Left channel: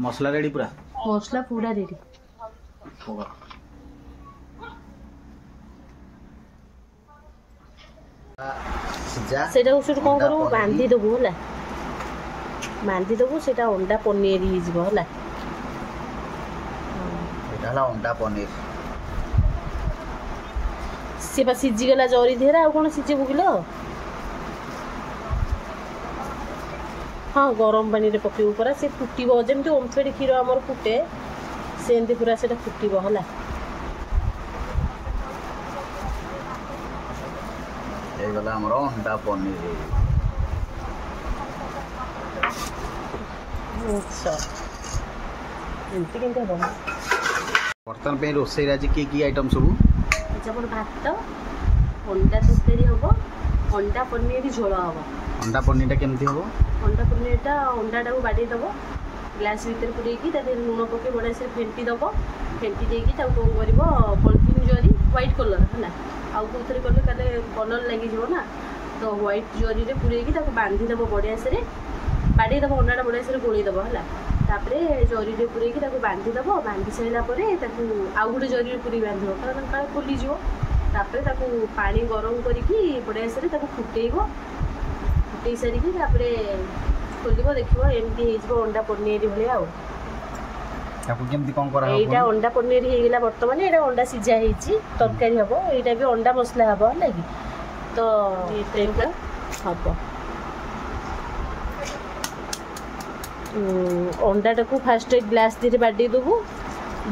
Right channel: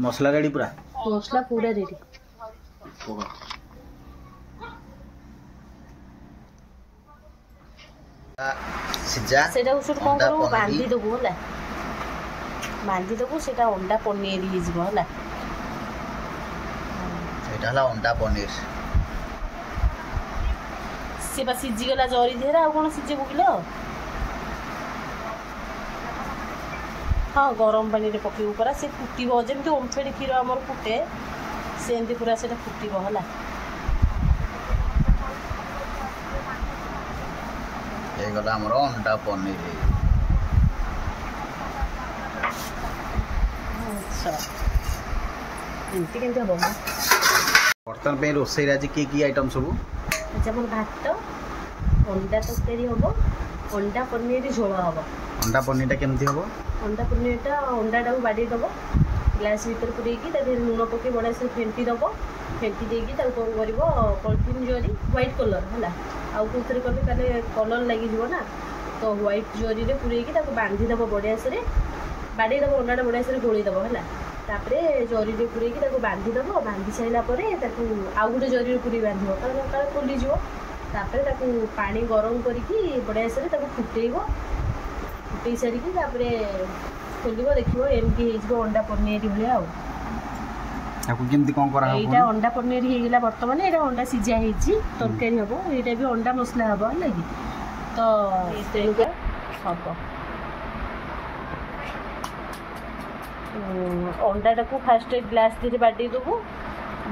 मसला रेडी पूरा मसला पूरा रेडी सिजा सेटा उसुर कोन करू बांधी दबो होला बांधी दबो सेटा अंडा पनीर ही जिवो होला एटा हला अंडा पनीर से बस सिजी गला जरी धेरा आ कोन सिजे बुगिलो हाँ गरम पानी रे पके ऊपर से फुटीबो जेमति ओमफेडी खीर हमर फुटे सेंदी पूरा सेटा फुटीबो होला ए गला हमर अंडा पनीर अच्छा इनती केनते हो बर्तन पे रोसई राजी की आइटम सब जमन भात अंडा तस्करी होबो अंडा पनीर झोल होबो अंडा पनीर केमती होबो अंडा पनीर अंडा टाको बाड़ी दबो ग्लास भीतर पुरेकी ताके लूण पके बड़ा से फेंटी दबो फेंटी देकी ताको कोन करबो पॉलिथीन जरी व्हाइट कलर हला आउ कोथरे कले ताले कलर लागि जिवो ना तो व्हाइट जरी रे पुरेकी ताको बांधी दबो बड़ा से बाड़ी दबो अंडा बड़ा से गोली दबो हला तापरे जरी रे पुरेकी ताको बांधी दबो बांधी सैला परे ताको आउ गुटे जरी रे पुरी बांधिबो कारण काले खोली जिवो तापरे ताको पानी गरम करिकी बड़ा से ताको फुटेइबो फुटेई सारिकी तापरे खोलिबो देखिबो एमती हेजिबो अंडा पनीर भलिया आ ताको केमती कोन करा हो एटा अंडा पनीर हे गेला वर्तमान एटा अंडा सिजा हेची तरकारी हबो एटा भी अंडा मसला हबो लागि तो एटा हबो अंडा टाको फास्ट ग्लास धीरे बाडी दबो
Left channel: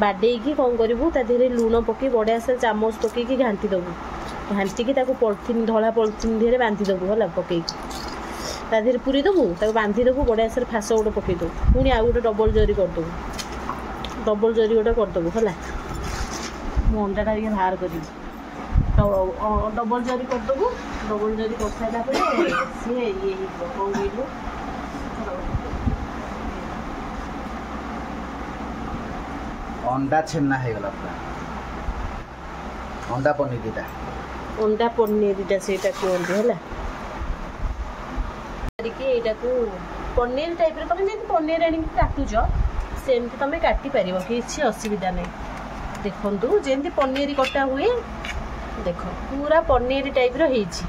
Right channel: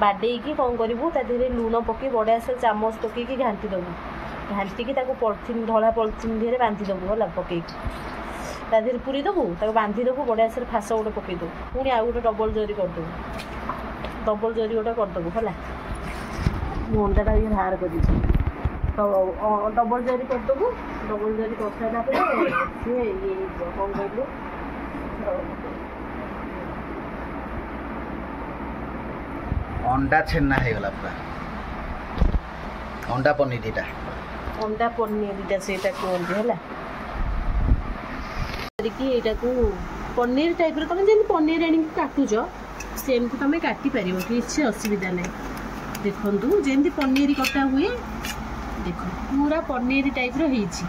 बाडी की कोन करबो ता धीरे लूण पकी बड़ा से चामच पकी की घांटी दबो घांटी की ताको पॉलिथीन धला पॉलिथीन धीरे बांधी दबो होला पकी ता धीरे पूरी दबो ताको बांधी दबो बड़ा से फास गोटे पके दो पुणी आ गोटे डबल जरी कर दो डबल जरी गोटे कर दबो होला मु अंडा टा ये बाहर कर दी तो डबल जरी कर दबो डबल जरी कर साइला परे से ये कोन कहलो अंडा छेना हे गला पूरा अंडा पनीर सेटा कोन होला कि एटा को पनीर टाइप रे तुम जे पनीर आनी काटुज सेमती तुम काटी पारिबो किछि असुविधा नै देखंतु जेमती पनीर कटा हुए देखो पूरा पनीर टाइप रो हेछि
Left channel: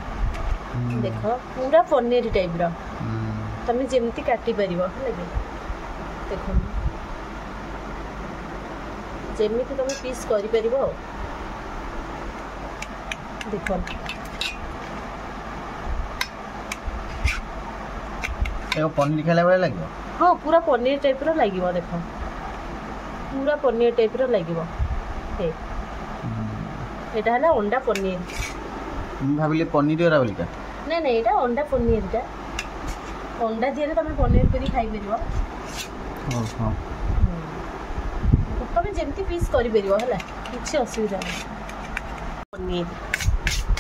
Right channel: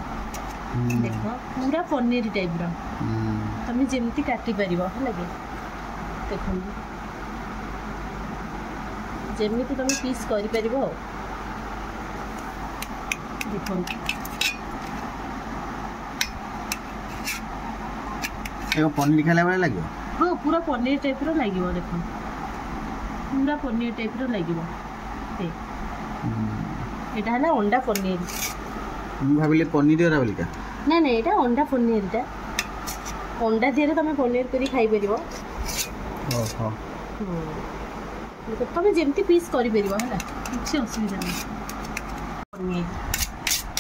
देखो पूरा पनीर टाइप रो तुम जेमती काटी पारिबो लागे देखो जेमती तुम पीस करि पारिबो देखो एगो पनीर खाला वाला लागियो हां पूरा पनीर टाइप रो लागियो देखो पूरा पनीर टाइप रो लागियो हे एटा हला अंडा पनीर हम भाबिले पनीर रा बोलिका नै नै एटा अंडा पनीर टा अंडा दिरे तमे पनीर करी खाइ परिबो ओहो तमे जेमती पीस करि परिबो हला किछि असुविधा नै पनीर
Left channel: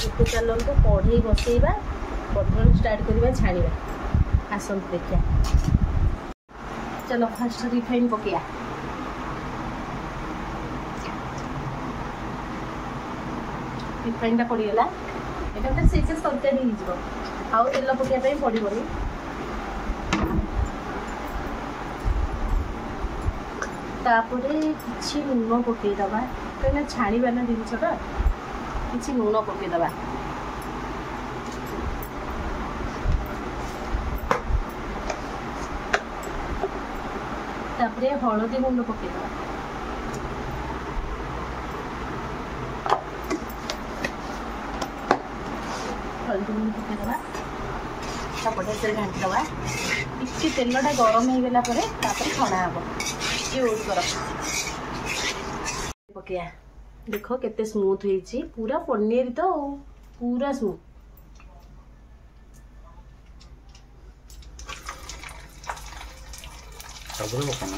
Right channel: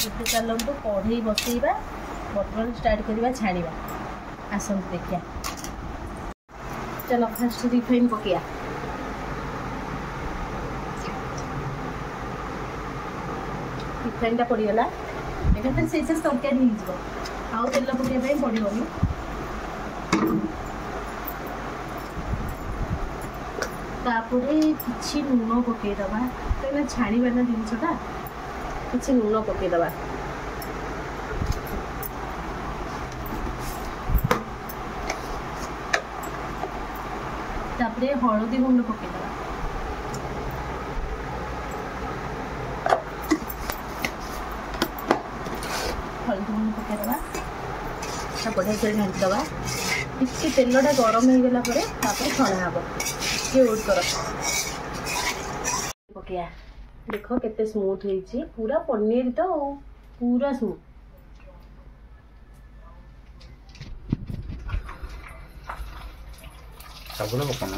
एते चलन तो कढ़ई बसैबा बटन स्टार्ट करबा छाड़ीबा आसन देखिया चलो फर्स्ट रिफाइन पकिया रिफाइन टा पड़ी गला एटा त सेसे तरकारी ही जिवो आउ तेल पकिया पे पड़िबोनी तापरे किछि लूण पके दबा पहले छाणी बाना जिनसटा किछि लूण पके दबा तापरे हळदी गुंड पके दबा हळदी गुंड पके दबा तापरे से घांटी दबा इसी तेलटा गरम हो गला परे तापरे छणा हबो ये वेट करो पकिया देखो केते स्मूथ होईची पूरा पनीर तो पूरा स्मूथ सबरो पकाना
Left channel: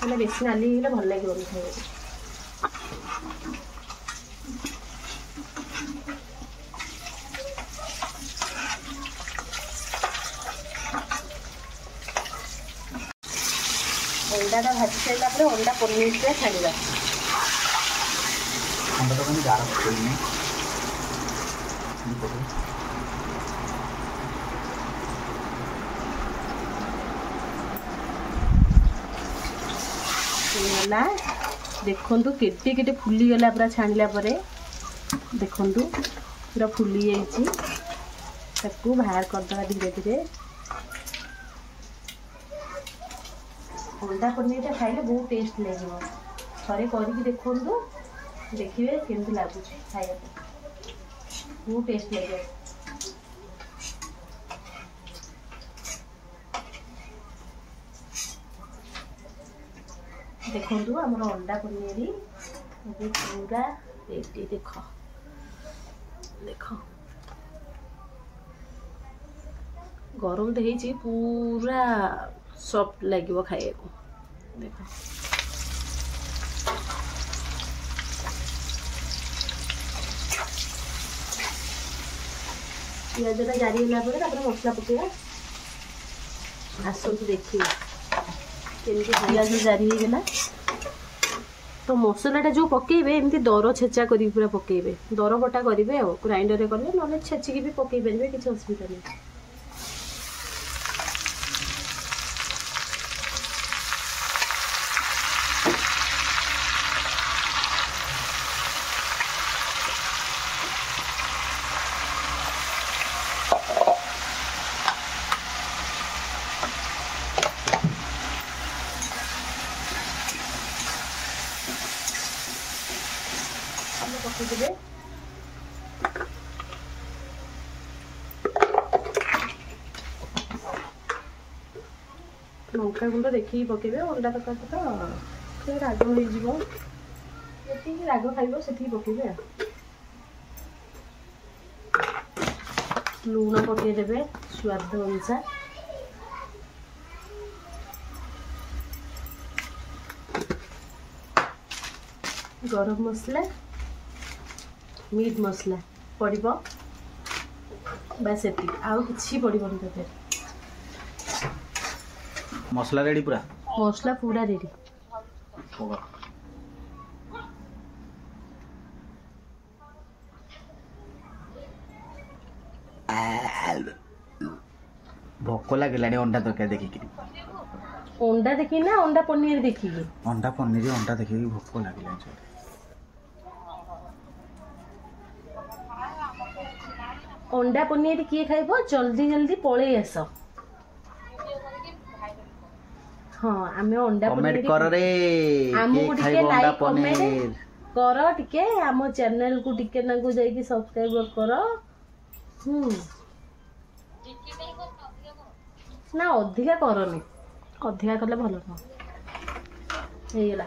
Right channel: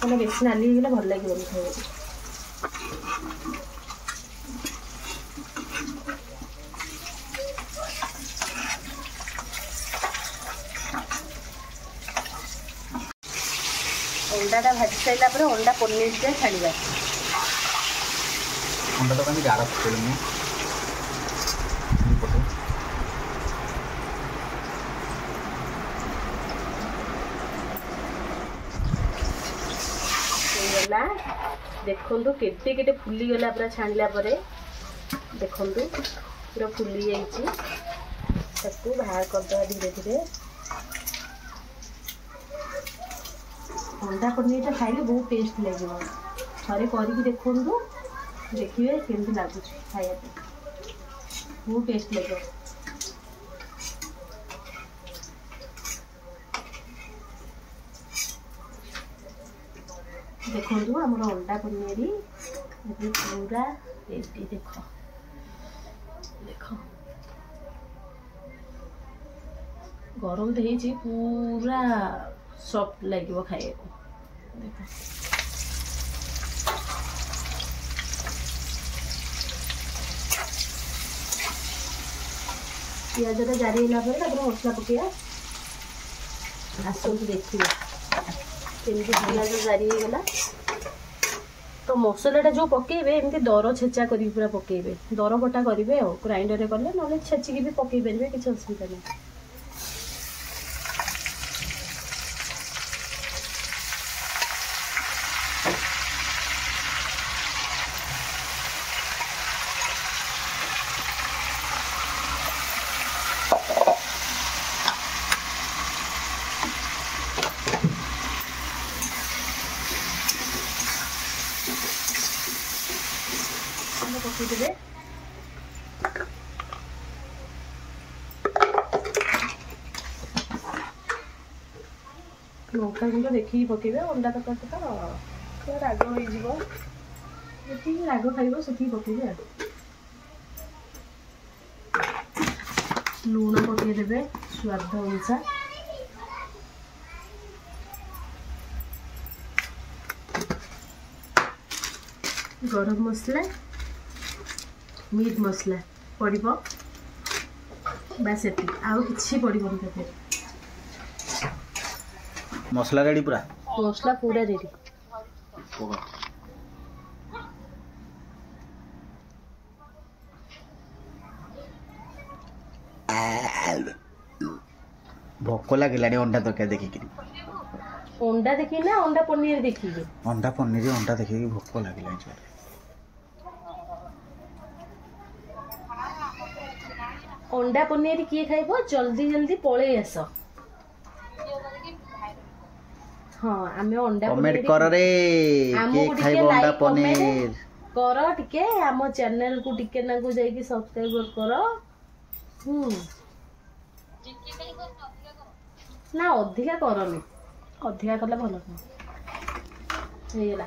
मैंने बेसी नाली गला भल लगे खाइबा अंडाटा भाजी सारा पर अंडा पनीर से छाड़ा अंडा तो कहीं गाढ़ा पकड़नी गला देखु केटे केटे फुली गला पूरा छाणिला परे देखु पूरा फुली जाइए बाहर करदे धीरे धीरे अंडा पनीर खाइले बहुत टेस्ट लगे थे करके देखु देखिए केमती लगुच खाया बहुत टेस्ट लगे देखु आम अंडा पनीर पूरा रेडी देख देख गरम तो है पूरा सॉफ्ट लगे खाया देख पियाजटा जारी है मसला पकड़ा आसतु देखिए पियाज जारी होगा तो मसलाटा जो पकेबे एमती दर छेचा कर पूरा पकेबे दर बटा करेंगे ग्राइंडर कले ना छेचिकी भी पकई पारे किसी असुविधा नहीं पकईदे लंका गुंड देखिए पकेबे अंडा तक तो राग हो राग खाइब से पकेबे लुण पकईदे स्वाद अनुसार गरम मसला मीट मसला पड़ो बस ये आउ कि पड़ो मसला रेडी पूरा मसला पूरा रेडी भोक लगे अंडा तरकारी देखिक अंडा देखी ना अंडा पनीर देखिए अंडा पनीर अंडा देखिए भोक लगे अंडा पनीर किए खाइब जल्दी जल्दी पलि आस हाँ आमे अंडा कमेंट कर रे के खाइब अंडा पनीर कर टिके आम चैनल को टिके ना को जाई सब्सक्राइब कर ना अधिका करनी अधिका कले भल हो गला।